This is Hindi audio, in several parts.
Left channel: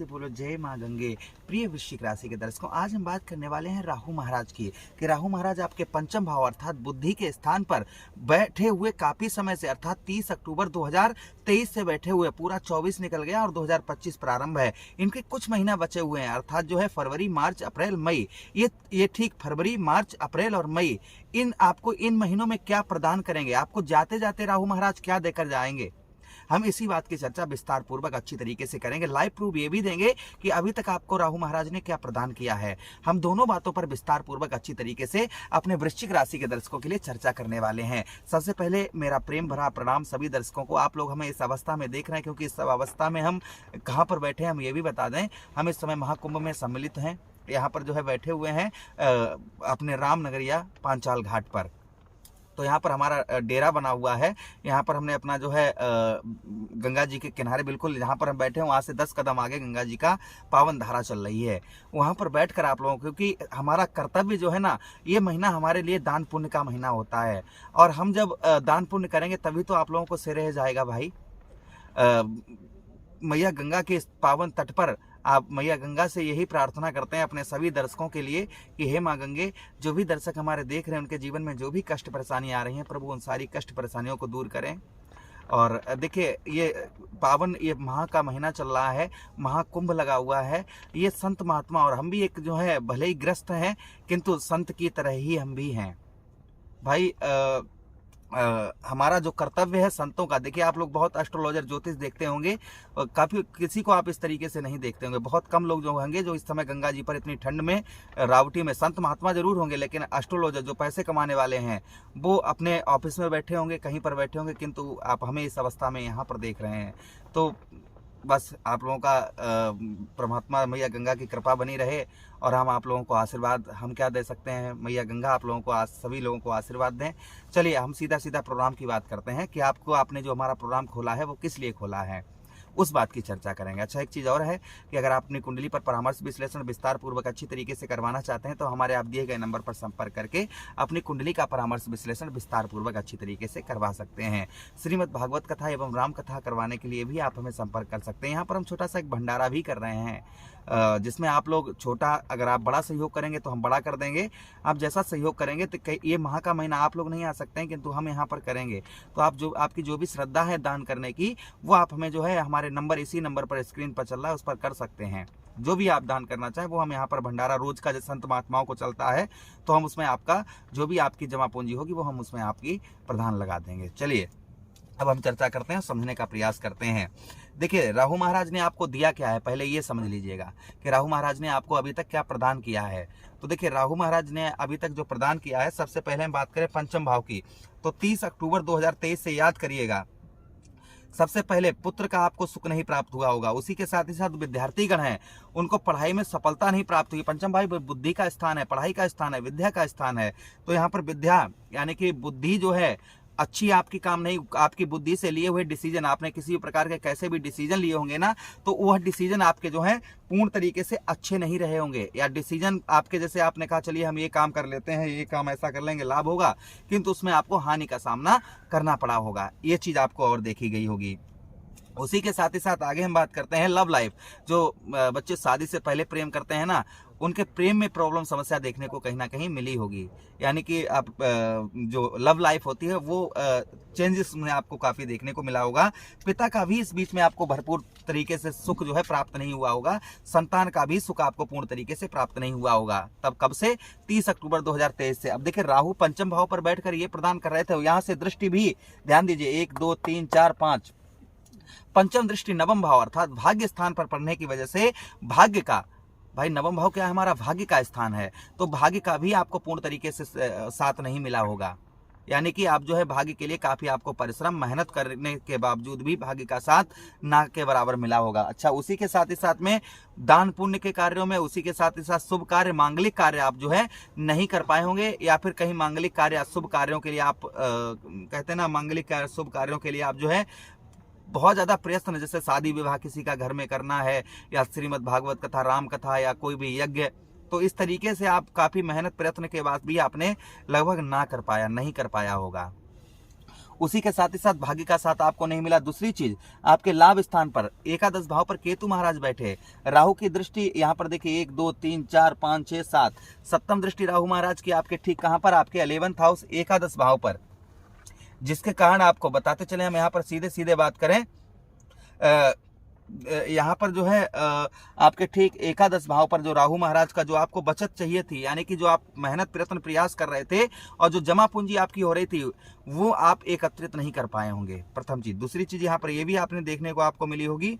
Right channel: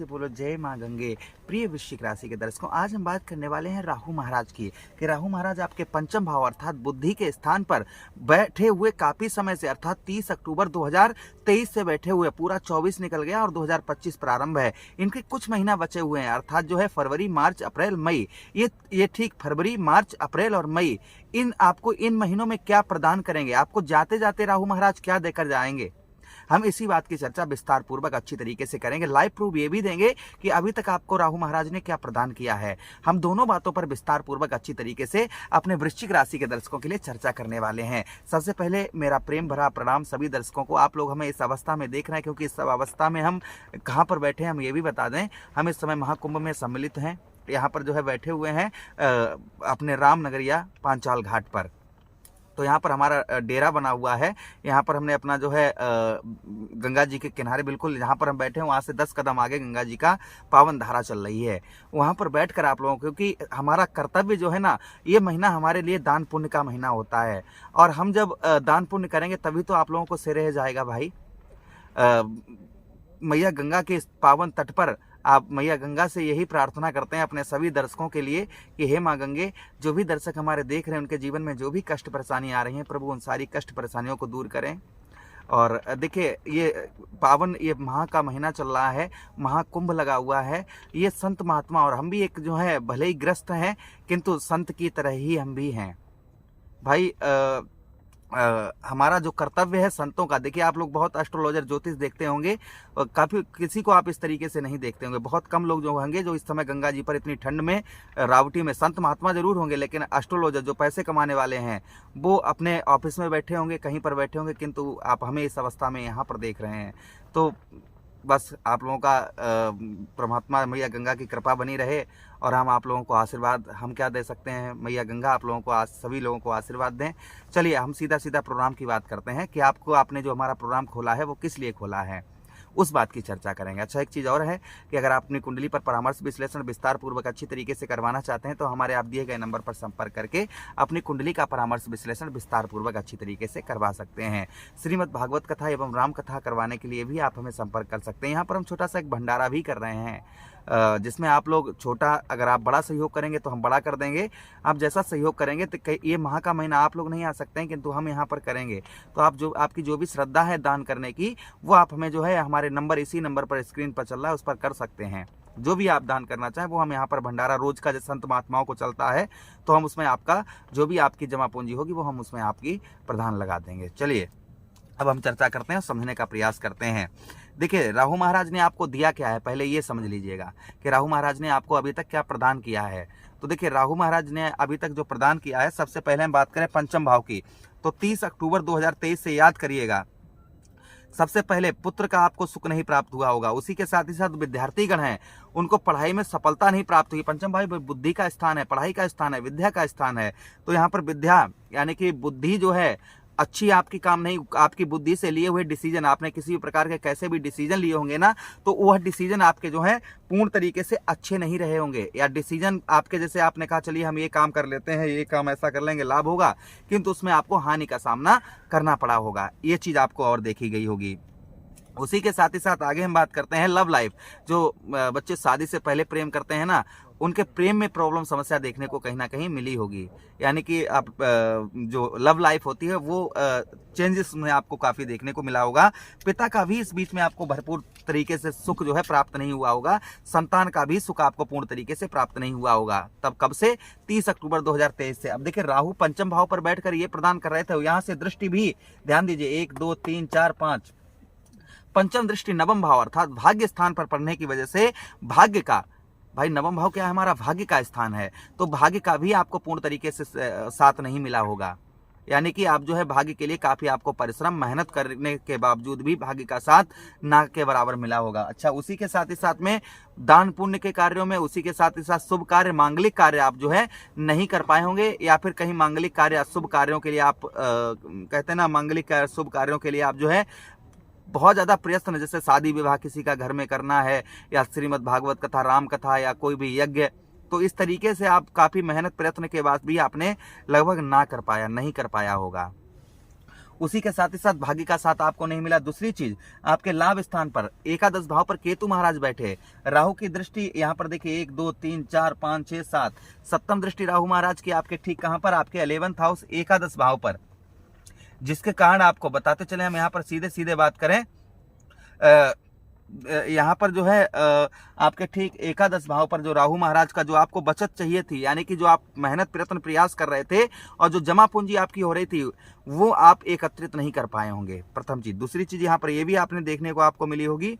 से बोलो जय माँ गंगे। प्रिय वृश्चिक राशि के दर्शकों, आज हम बात करने वाले हैं राहु महाराज की कि राहु महाराज आपके पंचम भाव अर्थात बुद्धि के स्थान पर बैठे हुए काफी समय से, अर्थात 30 अक्टूबर 2023 से बैठे हुए, पूरा 24 निकल गया और 2025 प्रारंभ है। इनके कुछ महीना बचे हुए हैं, अर्थात जो है फरवरी, मार्च, अप्रैल, मई, ये ठीक फरवरी, मार्च, अप्रैल और मई, आपको इन महीनों में क्या प्रदान करेंगे, आपको जाते जाते राहु महाराज क्या देकर जाएंगे, हम इसी बात की चर्चा विस्तार पूर्वक अच्छी तरीके से करेंगे। लाइव प्रूफ ये भी देंगे कि अभी तक आपको राहु महाराज ने क्या प्रदान किया है। हम दोनों बातों पर विस्तार पूर्वक अच्छी तरीके से अपने वृश्चिक राशि के दर्शकों के लिए चर्चा करने वाले हैं। सबसे पहले मेरा प्रेम भरा प्रणाम सभी दर्शकों को। आप लोग हमें इस अवस्था में देख रहे हैं, क्योंकि इस अवस्था में हम कहाँ पर बैठे हैं हम ये भी बता दें। हम इस समय महाकुंभ में सम्मिलित हैं, यहाँ पर जो है बैठे हुए हैं अपने रामनगरिया पांचाल घाट पर। तो यहाँ पर हमारा डेरा बना हुआ है। यहाँ पर हमने अपना जो है गंगा जी के किनारे, बिल्कुल जहाँ पर हम बैठे हैं वहाँ से 10 कदम आगे गंगा जी का पावन धारा चल रही है। वहाँ पर बैठकर आप लोगों को, क्योंकि हमारा कर्तव्य जो है ना, ये महीना हमारे लिए दान पुण्य का महीना होता है, और हम जब दान पुण्य करेंगे तभी तो आप लोगों को सिर रह जाएगा भाई। मैया गंगा के इस पावन तट पर आप मैया गंगा से यही प्रार्थना करते हैं अपने सभी दर्शकों के लिए कि हे माँ गंगे, जो भी दर्शक हमारे देख रहे हैं उनके जीवन में जो भी कष्ट परेशानी आ रही हैं, प्रभु उन सारी कष्ट परेशानियों को दूर करें। और देखिए, ये पावन, ये माह का महीना चल रहा है, महाकुंभ लगा हुआ है। ये संत महात्मा, और हम भी एक जो है भले ही ग्रस्त हैं किंतु संत की तरह ही हम भी हैं भाई। हमारा जो कर्तव्य है संतों का, देखिए आप लोग बहुत एस्ट्रोलॉजर ज्योतिष देखते होंगे, और काफी किसी को आप इस तरीके से नहीं देखते होंगे। बहुत कम लोग जो होंगे जो इस समय गंगा जी पर इतनी ठंड में रावटी में, संत महात्मा जरूर होंगे, लेकिन एस्ट्रोलॉजर जो पैसे कमाने वाले हैं वो अपने ऑफिस में बैठे होंगे, कहीं पर बैठे होंगे, किंतु आप हमें इस अवस्था में यहाँ पर देख रहे हैं। तो बस आप लोगों का परमात्मा मैया गंगा की कृपा बनी रहे, और हम आप लोगों को आशीर्वाद, हम क्या दे सकते हैं, मैया गंगा आप लोगों को, सभी लोगों को आशीर्वाद दें। चलिए हम सीधा सीधा प्रोग्राम की बात करते हैं कि आपने जो हमारा प्रोग्राम खोला है वो किस लिए खोला है, उस बात की चर्चा करेंगे। अच्छा, एक चीज़ और है कि अगर आप अपनी कुंडली पर परामर्श विश्लेषण विस्तार पूर्वक अच्छी तरीके से करवाना चाहते हैं तो हमारे आप दिए गए नंबर पर संपर्क करके अपनी कुंडली का परामर्श विश्लेषण विस्तार पूर्वक अच्छी तरीके से करवा सकते हैं। श्रीमद् भागवत कथा एवं राम कथा करवाने के लिए भी आप हमें संपर्क कर सकते हैं। यहाँ पर हम छोटा सा एक भंडारा भी कर रहे हैं, जिसमें आप लोग छोटा, अगर आप बड़ा सहयोग करेंगे तो हम बड़ा कर देंगे। आप जैसा सहयोग करेंगे तो ये माह का महीना आप लोग नहीं आ सकते हैं, किंतु हम यहाँ पर करेंगे। तो आपकी जो भी श्रद्धा है दान करने की, वो आप हमें जो है हमारे नंबर, इसी नंबर पर स्क्रीन पर चल रहा है, उस पर कर सकते हैं। जो भी आप दान करना चाहें वो हम यहाँ पर भंडारा रोज का, जैसे संत महात्माओं को चलता है, तो हम उसमें आपका जो भी आपकी जमा पूंजी होगी वो हम उसमें आपकी प्रदान लगा देंगे। चलिए अब हम चर्चा करते हैं, समझने का प्रयास करते हैं। देखिए, राहु महाराज ने आपको दिया क्या है, पहले ये समझ लीजिएगा कि राहु महाराज ने आपको अभी तक क्या प्रदान किया है। तो देखिए, राहु महाराज ने अभी तक जो प्रदान किया है, सबसे पहले हम बात करें पंचम भाव की, तो 30 अक्टूबर 2023 से याद करिएगा, सबसे पहले पुत्र का आपको सुख नहीं प्राप्त हुआ होगा। उसी के साथ ही साथ विद्यार्थीगण हैं, उनको पढ़ाई में सफलता नहीं प्राप्त हुई। पंचम भाव बुद्धि का स्थान है, पढ़ाई का स्थान है, विद्या का स्थान है। तो यहाँ पर विद्या यानी कि बुद्धि जो है अच्छी आपकी काम नहीं, आपकी बुद्धि से लिए हुए डिसीजन, आपने किसी भी प्रकार के कैसे भी डिसीजन लिए होंगे ना, तो वह डिसीजन आपके जो है पूर्ण तरीके से अच्छे नहीं रहे होंगे, या डिसीजन आपके, जैसे आपने कहा चलिए हम ये काम कर लेते हैं, ये काम ऐसा कर लेंगे, लाभ होगा, किंतु उसमें आपको हानि का सामना करना पड़ा होगा। ये चीज आपको और देखी गई होगी। उसी के साथ ही साथ आगे हम बात करते हैं लव लाइफ। जो बच्चे शादी से पहले प्रेम करते हैं ना, उनके प्रेम में प्रॉब्लम, समस्या देखने को कहीं ना कहीं मिली होगी। यानी कि आप जो लव लाइफ होती है वो चेंजेस में आपको काफी देखने को मिला होगा। पिता का भी इस बीच में आपको भरपूर तरीके से सुख जो है प्राप्त नहीं हुआ होगा। संतान का भी सुख आपको पूर्ण तरीके से प्राप्त नहीं हुआ होगा। तब कब से? 30 अक्टूबर 2023 से। अब देखिए, राहु पंचम भाव पर बैठकर ये प्रदान कर रहे थे, यहाँ से दृष्टि भी ध्यान दीजिए, 1 2 3 4 5, पंचम दृष्टि नवम भाव अर्थात भाग्य स्थान पर पड़ने की वजह से भाग्य का, भाई नवम भाव क्या है, हमारा भाग्य का स्थान है, तो भाग्य का भी आपको पूर्ण तरीके से साथ नहीं मिला होगा। यानी कि आप जो है भाग्य के लिए काफी आपको परिश्रम, मेहनत करने के बावजूद भी भाग्य का साथ ना के बराबर मिला होगा। अच्छा, उसी के साथ ही साथ में दान पुण्य के कार्यों में, उसी के साथ ही साथ शुभ कार्य, मांगलिक कार्य आप जो है नहीं कर पाए होंगे, या फिर कहीं मांगलिक कार्य, शुभ कार्यों के लिए आप कहते हैं ना, मांगलिक शुभ कार्यों के लिए आप जो है बहुत ज्यादा प्रयत्न, जैसे शादी विवाह किसी का घर में करना है, या श्रीमद् भागवत कथा, राम कथा, या कोई भी यज्ञ, तो इस तरीके से आप काफी मेहनत प्रयत्न के बाद भी आपने लगभग नहीं कर पाया होगा। उसी के साथ ही साथ भाग्य का साथ आपको नहीं मिला। दूसरी चीज, आपके लाभ स्थान पर एकादश भाव पर केतु महाराज बैठे, राहु की दृष्टि यहाँ पर देखिए 1 2 3 4 5 6 7 सप्तम दृष्टि राहु महाराज की आपके ठीक कहां पर, आपके 11th हाउस एकादश भाव पर, जिसके कारण आपको बताते चले, हम यहाँ पर सीधे सीधे बात करें, यहाँ पर जो है आपके ठीक एकादश भाव पर जो राहु महाराज का जो आपको बचत चाहिए थी, यानी कि जो आप मेहनत प्रयत्न प्रयास कर रहे थे और जो जमा पूंजी आपकी हो रही थी वो आप एकत्रित नहीं कर पाए होंगे, प्रथम चीज। दूसरी चीज यहाँ पर ये भी आपने देखने को आपको मिली होगी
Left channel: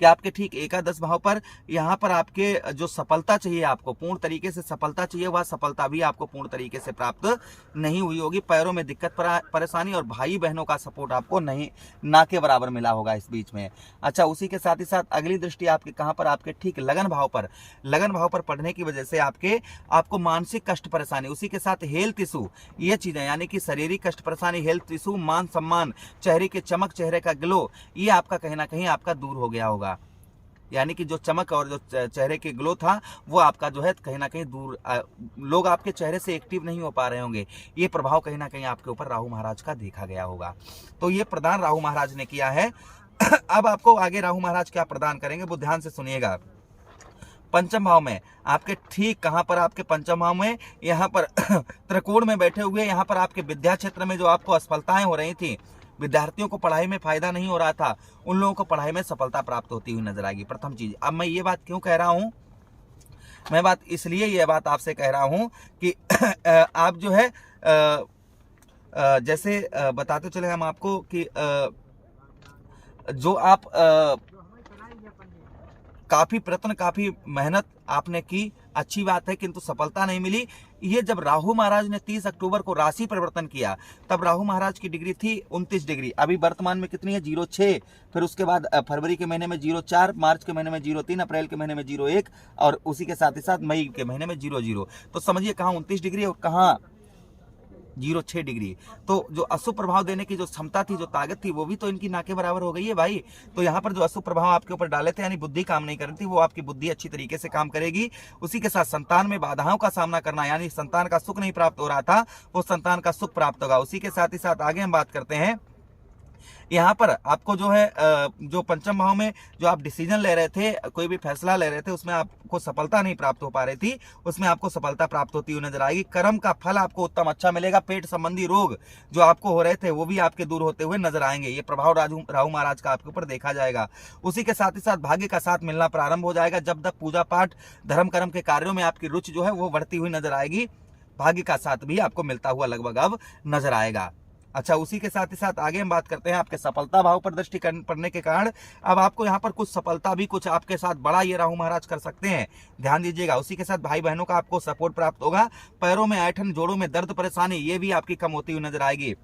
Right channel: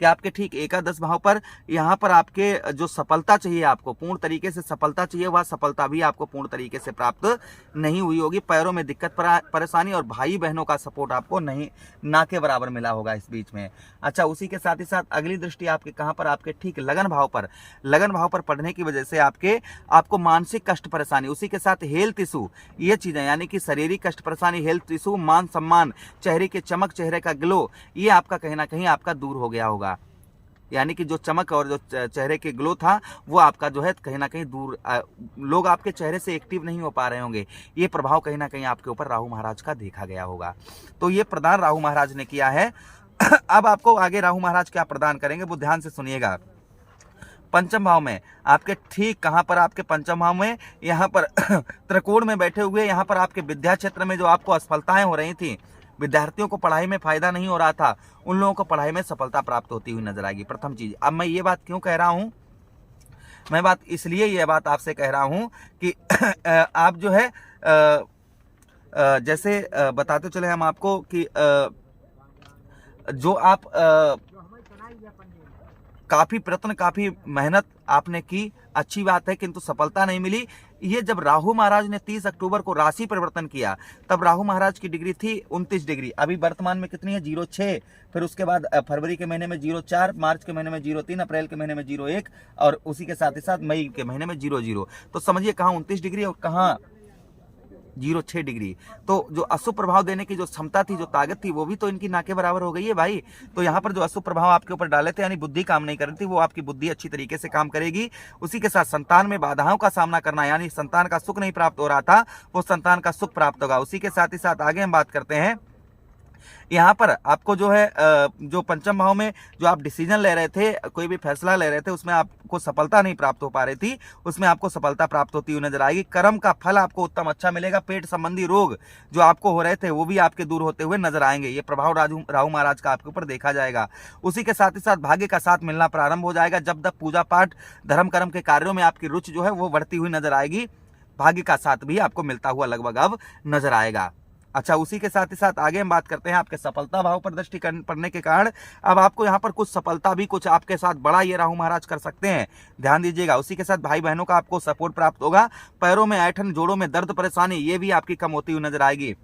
कि आपके ठीक एकादश भाव पर यहाँ पर आपके जो सफलता चाहिए, आपको पूर्ण तरीके से सफलता चाहिए, वह सफलता भी आपको पूर्ण तरीके से प्राप्त नहीं हुई होगी। पैरों में दिक्कत परेशानी और भाई बहनों का सपोर्ट आपको नहीं, ना के बराबर मिला होगा इस बीच में। अच्छा, उसी के साथ ही साथ अगली दृष्टि आपके कहाँ पर, आपके ठीक लगन भाव पर, लगन भाव पर पढ़ने की वजह से आपको मानसिक कष्ट परेशानी, उसी के साथ हेल्थ इशू, ये चीजें यानी कि शारीरिक कष्ट परेशानी, हेल्थ इशू, मान सम्मान, चेहरे के चमक, चेहरे का ग्लो, ये आपका कहीं ना कहीं आपका दूर हो गया होगा। यानी कि जो चमक और जो चेहरे के ग्लो था वो आपका जो है कहीं ना कहीं दूर, लोग आपके चेहरे से एक्टिव नहीं हो पा रहे होंगे। ये प्रभाव कहीं ना कहीं आपके ऊपर राहु महाराज का देखा गया होगा। तो ये प्रदान राहु महाराज ने किया है। अब आपको आगे राहु महाराज क्या प्रदान करेंगे वो ध्यान से सुनिएगा। पंचम भाव में आपके ठीक कहां पर, आपके पंचम भाव में यहाँ पर त्रिकोण में बैठे हुए, यहाँ पर आपके विद्या क्षेत्र में जो आपको असफलताएं हो रही थी, विद्यार्थियों को पढ़ाई में फायदा नहीं हो रहा था, उन लोगों को पढ़ाई में सफलता प्राप्त होती हुई नजर आएगी, प्रथम चीज। अब मैं ये बात क्यों कह रहा हूं, मैं बात इसलिए ये बात आपसे कह रहा हूं कि आप जो है जैसे बताते चले हम आपको कि जो आप काफी प्रयत्न, काफी मेहनत आपने की, अच्छी बात है, किंतु सफलता नहीं मिली। ये जब राहु महाराज ने 30 अक्टूबर को राशि परिवर्तन किया, तब राहु महाराज की डिग्री थी 29 डिग्री, अभी वर्तमान में कितनी है 06, फिर उसके बाद फरवरी के महीने में 04, मार्च के महीने में 03, अप्रैल के महीने में 01 और उसी के साथ ही साथ मई के महीने में 00। तो समझिए कहाँ 29 डिग्री और कहाँ 06 डिग्री। तो जो अशुभ प्रभाव देने की जो क्षमता थी, जो ताकत थी, वो भी तो इनकी ना के बराबर हो गई है भाई। तो यहाँ पर जो अशुभ प्रभाव आपके ऊपर डाले थे, यानी बुद्धि काम नहीं कर रही थी, वो आपकी बुद्धि अच्छी तरीके से काम करेगी। उसी के साथ संतान में बाधाओं का सामना करना, यानी संतान का सुख नहीं प्राप्त हो रहा था, वो संतान का सुख प्राप्त होगा। उसी के साथ ही साथ आगे हम बात करते हैं, यहाँ पर आपको जो है जो पंचम भाव में जो आप डिसीजन ले रहे थे, कोई भी फैसला ले रहे थे, उसमें आपको सफलता नहीं प्राप्त हो पा रही थी, उसमें आपको सफलता प्राप्त होती हुई नजर आएगी। कर्म का फल आपको उत्तम अच्छा मिलेगा। पेट संबंधी रोग जो आपको हो रहे थे वो भी आपके दूर होते हुए नजर आएंगे। ये प्रभाव राहु महाराज का आपके ऊपर देखा जाएगा। उसी के साथ ही साथ भाग्य का साथ मिलना प्रारंभ हो जाएगा। जब तक पूजा पाठ धर्म कर्म के कार्यों में आपकी रुचि जो है वो बढ़ती हुई नजर आएगी, भाग्य का साथ भी आपको मिलता हुआ लगभग अब नजर आएगा। अच्छा, उसी के साथ ही साथ आगे हम बात करते हैं आपके सफलता भाव पर दृष्टि पड़ने के कारण अब आपको यहाँ पर कुछ सफलता भी कुछ आपके साथ बड़ा ये राहु महाराज कर सकते हैं, ध्यान दीजिएगा। उसी के साथ भाई बहनों का आपको सपोर्ट प्राप्त होगा। पैरों में ऐठन, जोड़ों में दर्द परेशानी, ये भी आपकी कम होती हुई नजर आएगी।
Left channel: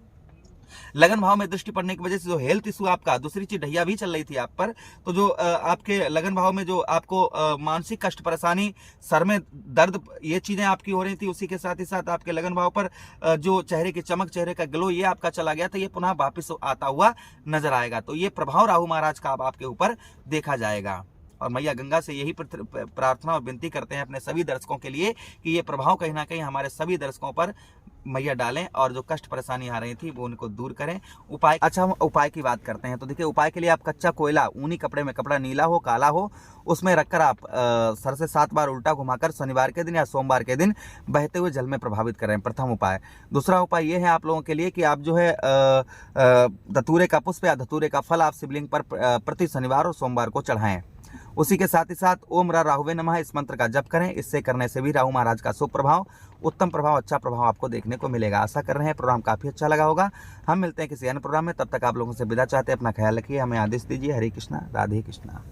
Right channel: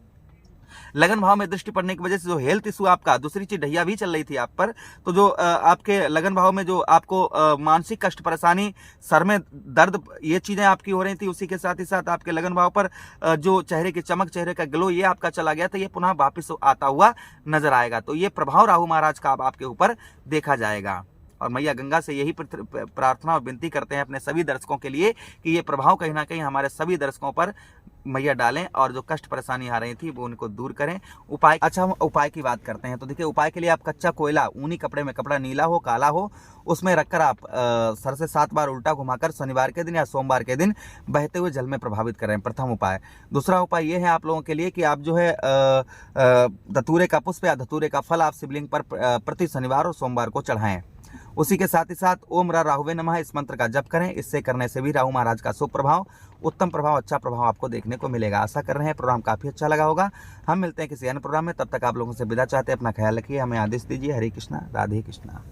लगन भाव में दृष्टि पड़ने की वजह से जो हेल्थ इशू आपका, दूसरी चीज ढैया भी चल रही थी आप पर, तो जो आपके लगन भाव में जो आपको मानसिक कष्ट परेशानी, सर में दर्द, ये चीजें आपकी हो रही थी। उसी के साथ ही साथ आपके लगन भाव पर जो चेहरे की चमक, चेहरे का ग्लो, ये आपका चला गया था, ये पुनः वापिस आता हुआ नजर आएगा। तो ये प्रभाव राहु महाराज का अब आपके ऊपर देखा जाएगा। और मैया गंगा से यही प्रार्थना और विनती करते हैं अपने सभी दर्शकों के लिए कि ये प्रभाव कहीं ना कहीं हमारे सभी दर्शकों पर मैया डालें और जो कष्ट परेशानी आ रही थी वो उनको दूर करें। उपाय, अच्छा हम उपाय की बात करते हैं। तो देखिए, उपाय के लिए आप कच्चा कोयला ऊनी कपड़े में, कपड़ा नीला हो काला हो, उसमें रखकर आप सर से 7 बार उल्टा घुमाकर शनिवार के दिन या सोमवार के दिन बहते हुए जल में प्रभावित करें, प्रथम उपाय। दूसरा उपाय ये है आप लोगों के लिए कि आप जो है धतूरे का पुष्प या धतूरे का फल आप शिवलिंग पर प्रति शनिवार और सोमवार को चढ़ाएं। उसी के साथ ही साथ ओम राहुवे नमः इस मंत्र का जप करें। इससे करने से भी राहु महाराज का शुभ प्रभाव, उत्तम प्रभाव, अच्छा प्रभाव आपको देखने को मिलेगा। आशा कर रहे हैं प्रोग्राम काफी अच्छा लगा होगा। हम मिलते हैं किसी अन्य प्रोग्राम में, तब तक आप लोगों से विदा चाहते हैं। अपना ख्याल रखिए, हमें आदेश दीजिए। हरे कृष्णा, राधे कृष्णा।